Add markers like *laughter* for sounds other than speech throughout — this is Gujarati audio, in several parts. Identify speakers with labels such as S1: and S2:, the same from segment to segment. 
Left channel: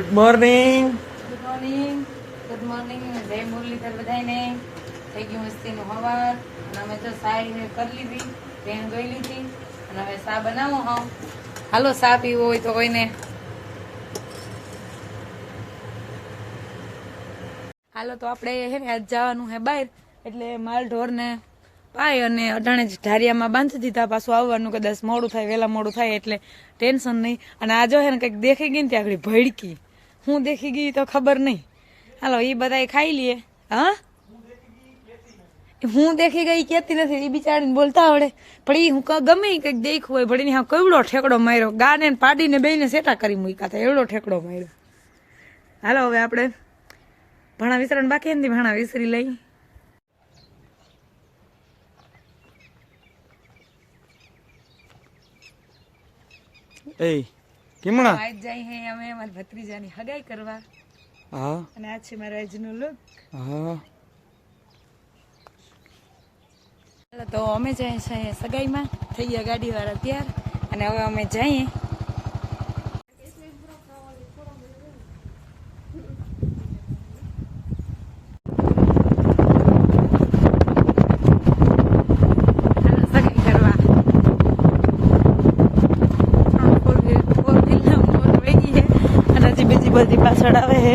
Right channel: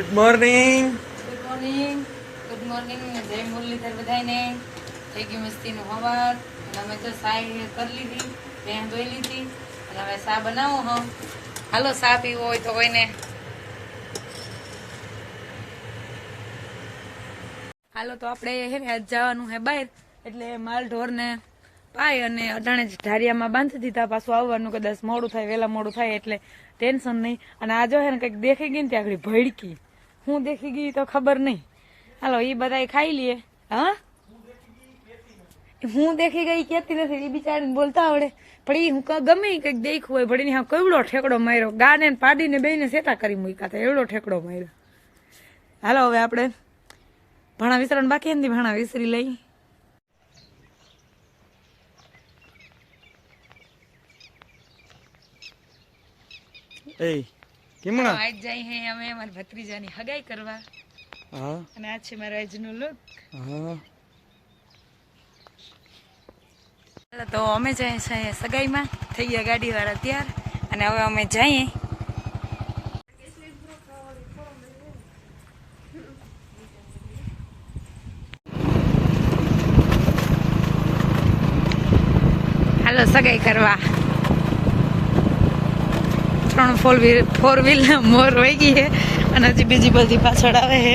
S1: Good morning
S2: good morning good morning જય મુરલીધર બધાને થઈ ગયું મસ્તીનું હવાર. અમે તો સાય કરી લીધી જય જોઈ લીધી. અને હવે સા બનાવો હા? હાલો સા પીવો હોય તો કોઈને. હાલો તો આપણે હે ને આજ જવાનું હે બહાર. એટલે માલ ઢોરને પાય અને અઢાણે જ ઢારિયામાં બાંધી દીધા. પાછું આવવાનું કદાચ મોડું થાય, વહેલા મોડું થાય એટલે ટેન્શન નહીં. અને આ જો હે ને કંઈક દેખાઈ ગઈ ને ત્યાં આગળ ભડકી. હું દેખી ગઈ તો ખબર નહીં. હાલો એ બધા ખાઈ લઈએ હા? હું દેખી ગઈ કેતી નથી એ બિચારીને બોલતા આવડે. પણ એ હું ગમે કંઈક દેખ્યું હોય, ભણીને હા કેવડો ઠેકડો માર્યો. ગાને પાડીને બેને સેટા કરી મૂક્યા હતા, એવડો ઠેકડો માર્યો. હાલો, હવે આપણે ભણા વિસરણ બાકી નથી ભણા વિસરી લઈ.
S1: એ કેમણા
S2: આજ જાય હે અમે અમાર ભત્રીજાની હગાઈ કરવા.
S1: હા.
S2: અને આ છે મારા આજનો લુક
S1: હા.
S2: તો અમે જઈએ છીએ સગાઈમાં. થઈ ગયા ગાડી વાળા તૈયાર. અને હવે અમે જઈએ. હાલો સગાઈ કરવા. ત્રણ ફોર વ્હીલ ફોર વ્હીલ મોર વહી ગઈ છે અને હજી બીજી બધી પાછળ આવે છે.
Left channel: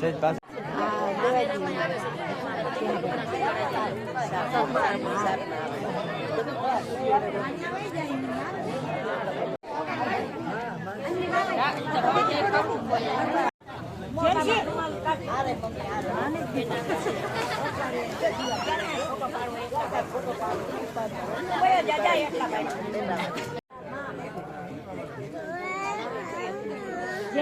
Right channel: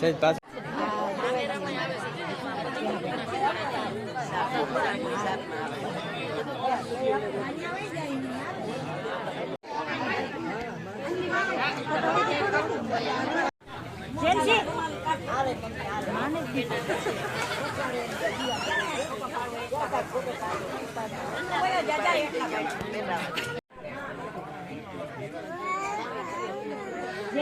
S1: Sentar. jajah a allá.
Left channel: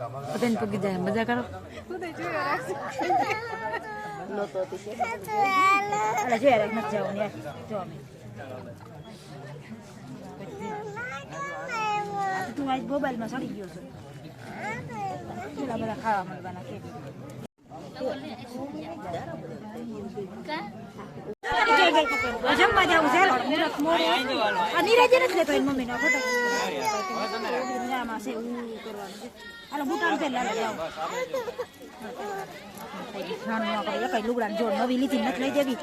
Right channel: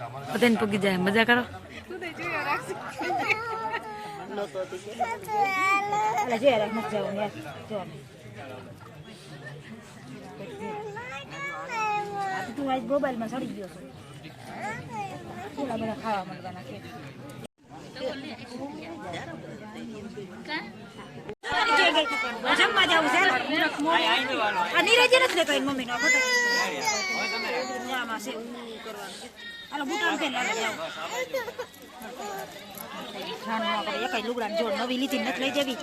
S1: બધાને પૂગી જાય, મજા કરો.
S3: મોબાઈલમાં સડી ગયો છે. પેલા બધા ખાવા મળવાના કે જમવા જવું છે? નીરજ નથી લેતો એની મમ્મીનો ફોટો. આમાં છે. એવું કરવાનું હાલો બુટાણ ખાવાનું આપણે એકાઈ લુગડા જો નવી લીધી, નથી લઈ દેવી.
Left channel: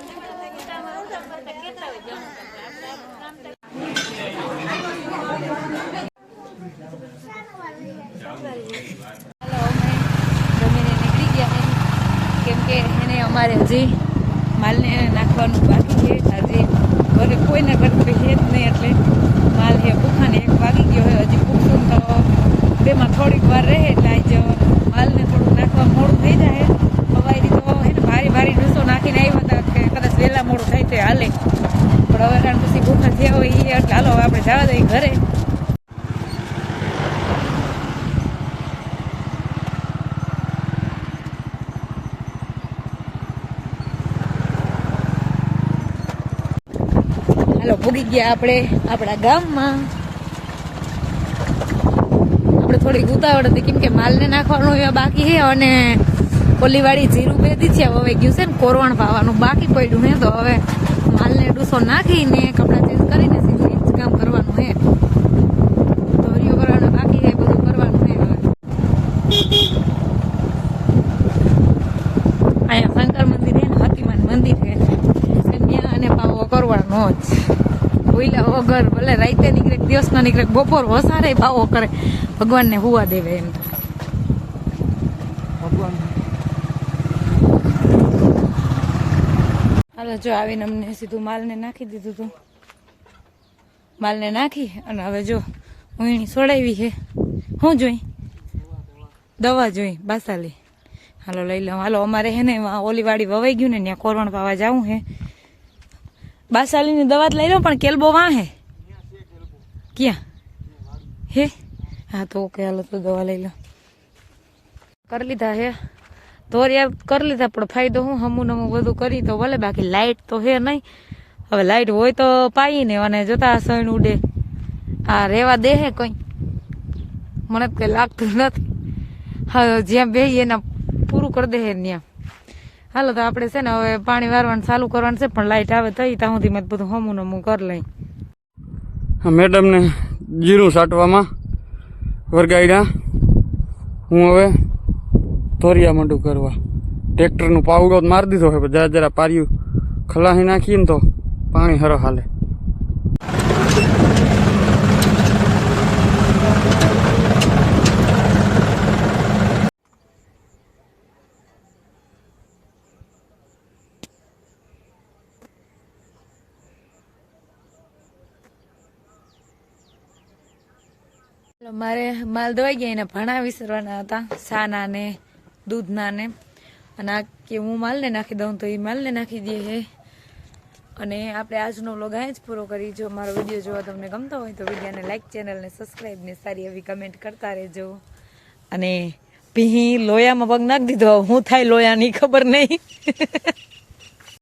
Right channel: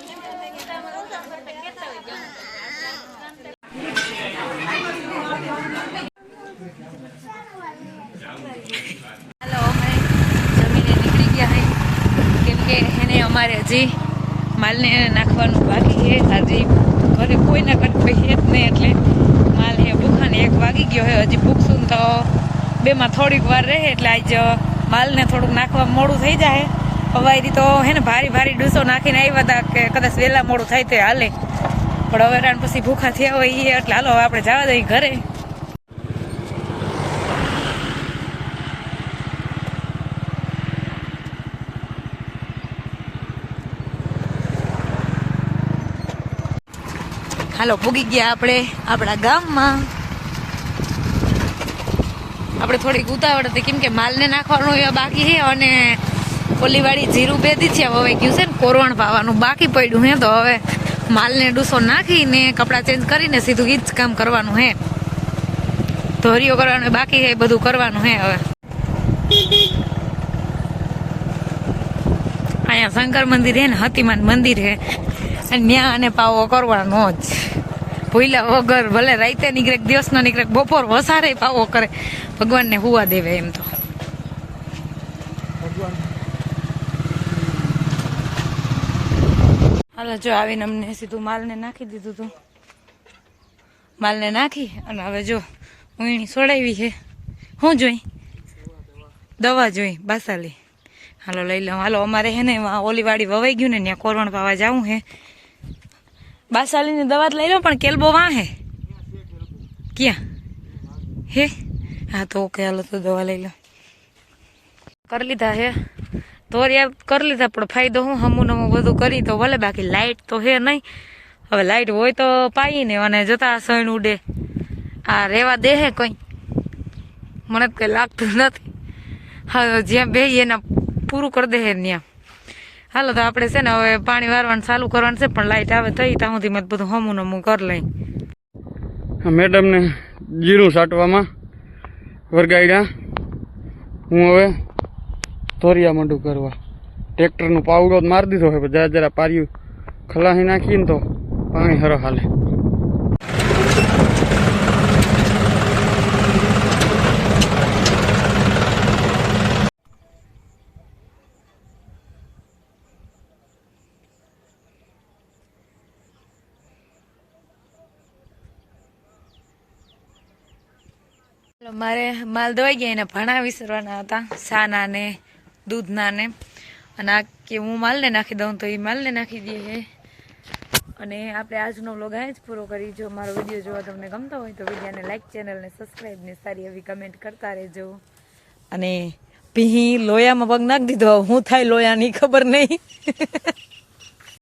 S2: એને અમારે હજી માલને નાખવાનું બાકી છે. હજી ઘરે કોઈને કોઈ છે નહીં, એટલે માલ હે ભૂખાને એક વાગી ગયો હે, હજી ભૂખશું તો બેમાં થોડીક વાર રહે, એટલે આજ માલને થોડુંક નાખવા મોડું થઈ જાય હવારી તો હે ને, ભારી ભારી ડૂસો નાખીને આવ્યા હતા કે કદાચ વહેલા મોડું થાય તો હાલે. પણ હવે રાણ પછી ભૂખા થયા હોય એટલે હાલો આપણે જવા દઈએ ઘરે. હાલો, પૂગી ગયા આપણે આપણા ગામમાં. આપણે થોડીક ઉતાવળ હતી, કેમ કે માલને નાખવાનું એ બાકી છે અને કોલીવાળી જીરું બેદી છે, હવે ગયું છે ને કોરવણ પાવાનું બાકી પડ્યું હે, તો હવે માલને ડૂસો નાખીને કપડાં ચેન્જ કરીને સીધું એ જ કામ કરવાનું હે. ધોરીઓ કરવાનું બાકી હે, બધું કરવાનું હે હવે. અહીંયા શંકર મંદિર હે ને હતીમાન મંદિર હે. ન્યા અને પાવો કરવાનો જ. ભૂલ્યા વગર ભલે રાતે નીકળે દિવસનો નીકળે બપોર વસારે પાવો કરે. ભગવાનને હુવા દેવે એમ તો. હાલો, જો આવીને અમને સીધું માલને નાખી દીધું હતું માલને નાખી અને હવે જો ઉણી સોડાવી છે. શું જોઈ? દવા જોઈ, બાસાલી. હાલો, લઈ લઉં. હાલો, અમારે હે ને એમાં ઓલી વાડી વવાઈ ગયું ને, ત્યાં કોરવણ પાવા જવું હે. બાસાલીની દવા લઈ લો, પણ કેલબો વાણે ક્યાં? હે? હા, તો ઓકે, હાલો, તો દવા લઈ લો. કરી લીધા હે? દોરિયા કરી લીધા, પણ ફાયદો હું હમું નમું બધું કરી તો ભલે, બાકી લાઇટ તો હે નહીં. હવે લાઇટ હોય તો પાઈ ને, અને જતા સણ ઉડે. આ રેવા દે હે કઈ. મને તો કઈ લાગતું નથી. હા જ્યાં બે એના પૂરું કરી દે હે ત્યાં હાલો તો આપણે છે ને હવે પાણી વારવાનું ચાલુ કરવાનું છે, પણ લાઇટ આવે થઈ ત્યાં સુધી મેં બધું હમું નમું કરી લઈ.
S1: મેડમને જીરું સાટવામાં વરગાડ્યા હું હવે ધોરિયા મંડું કરવા. ટ્રેક્ટરનું પાવડો મારી દીધો હવે જરા જરા પાર્યું ખલાસી નાખીને તો પાણી હરો હાલે.
S2: મારે માલ દવાઈ ગયા એને ભણા વિસરવાના હતા સાના ને દૂધના ને અને આ કે હું માલને નાખી દઉં તો એ માલને નાખી દઈએ અને આપણે આજનો વ્લોગ અહીં જ પૂરો કરી. જો મારો વીડિયો જોવા તમને ગમતો હોય તો વિડીયોને લાઇક ચેનલને સબસ્ક્રાઈબને સારી એવી કમેન્ટ કરતા રહેજો. અને પીહી લોયામાં પગ નાખી દીધો. હું થાય લોયાની ખબર નહીં. *laughs*